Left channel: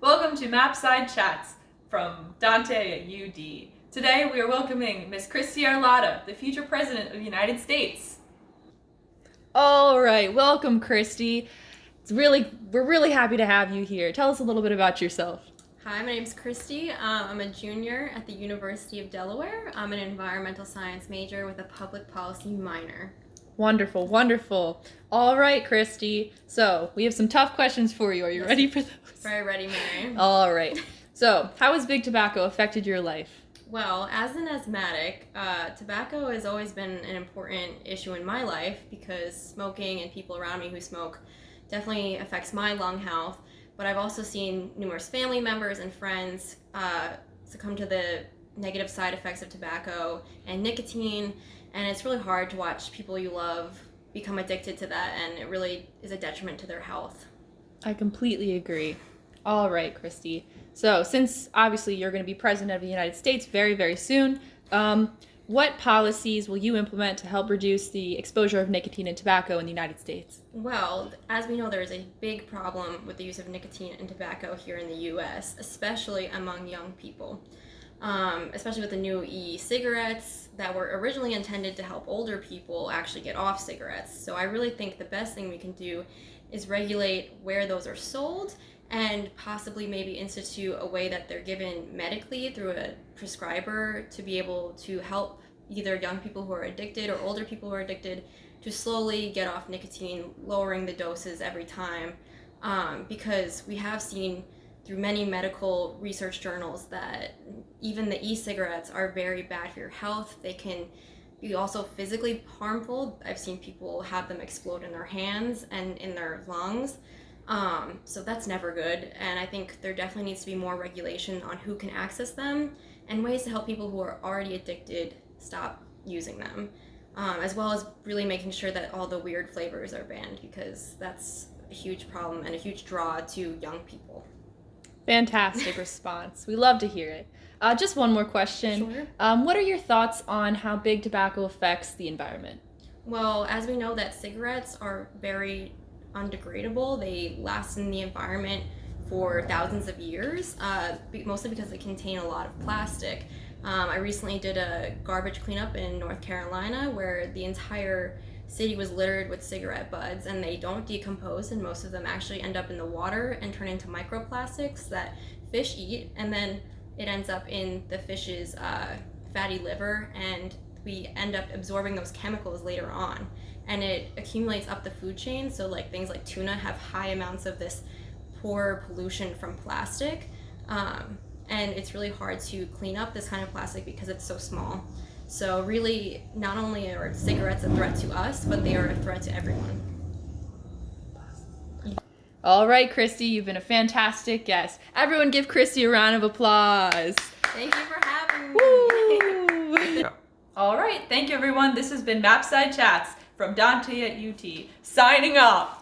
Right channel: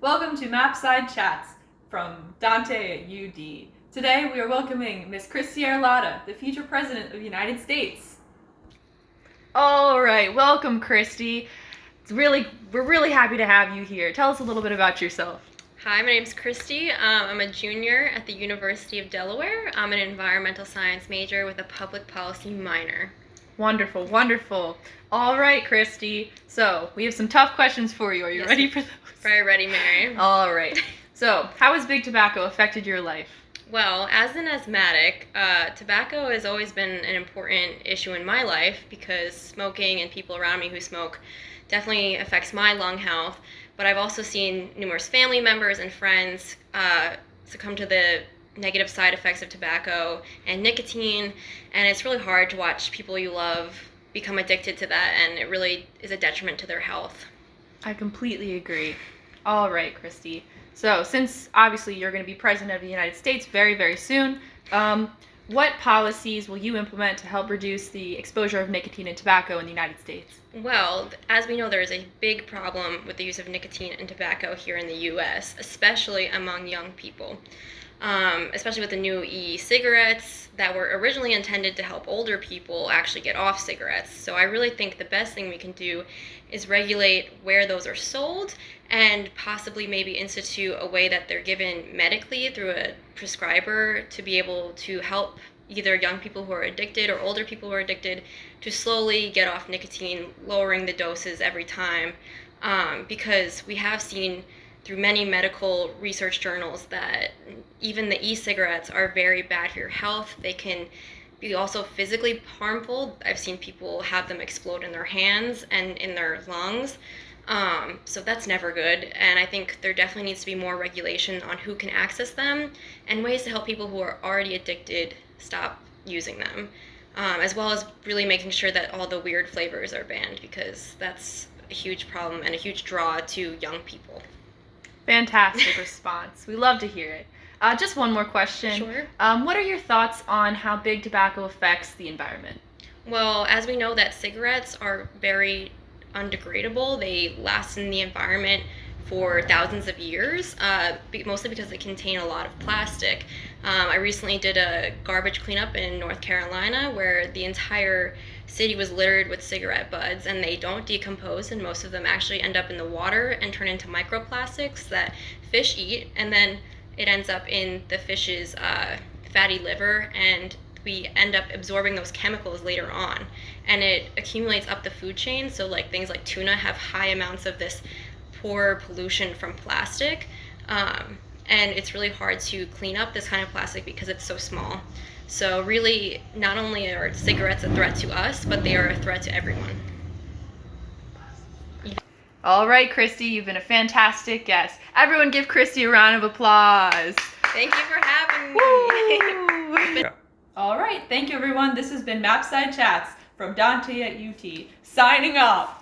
Welcome to Mapside Chats from DANTE at UD. Today we are welcoming Miss Kristie Arlotta, the future President of the United States. All right, welcome Kristie. We're really happy to have you here. Tell us a little bit about yourself. Hi, my name's Kristie. I'm a junior at the University of Delaware. I'm an environmental science major with a public policy minor. Wonderful, wonderful. All right, Kristie. So we have some tough questions for you. Are you ready for those? Very ready, Mary. All right. So, how has big tobacco affected your life? Well, as an asthmatic, tobacco has always been an important issue in my life because smoking and people around me who smoke definitely affects my lung health. But I've also seen numerous family members and friends succumb to the negative side effects of tobacco and nicotine, and it's really hard to watch people you love become addicted to that, and it really is a detriment to their health. I completely agree. All right, Kristie. So, since obviously you're going to be President of the United States very, very soon, what policies will you implement to help reduce the exposure of nicotine and tobacco in the United States? Well, as we know, there is a big problem with the use of nicotine and tobacco here in the U.S., especially among young people. Especially with the new e-cigarettes that were originally intended to help older people actually get off cigarettes. So I really think the best thing we can do is regulate where those are sold and possibly maybe institute a way that they're given medically through a prescriber to be able to help either young people who are addicted or older people who are addicted to slowly get off nicotine, lowering the doses every time, because we have seen through many medical research journals that even the e-cigarettes are very bad for your health. They can be also physically harmful. I've seen people have them explode in their hands and in their lungs. So that's never good. And I think there definitely needs to be more regulation on who can access them and ways to help people who are already addicted stop using them, as well as really making sure that all the weird flavors are banned, because that's a huge problem and a huge draw to young people. Fantastic response. We love to hear it. Just one more question. Sure. What are your thoughts on how big tobacco affects the environment? Well, as we know that cigarettes are very undegradable. They last in the environment for thousands of years, mostly because they contain a lot of plastic. I recently did a garbage cleanup in North Carolina where the entire city was littered with cigarette butts, and they don't decompose, and most of them actually end up in the water and turn into microplastics that fish eat, and then it ends up in the fish's fatty liver, and we end up absorbing those chemicals later on, and it accumulates up the food chain. So like things like tuna have high amounts of this poor pollution from plastic, and it's really hard to clean up this kind of plastic because it's so small. So really, not only are cigarettes a threat to us, but they are a threat to everyone. All right, Kristie, you've been a fantastic guest. Everyone give Kristie a round of applause. Thank you for having me. All right, thank you everyone. This has been Mapside Chats from DANTE at UT. Signing off.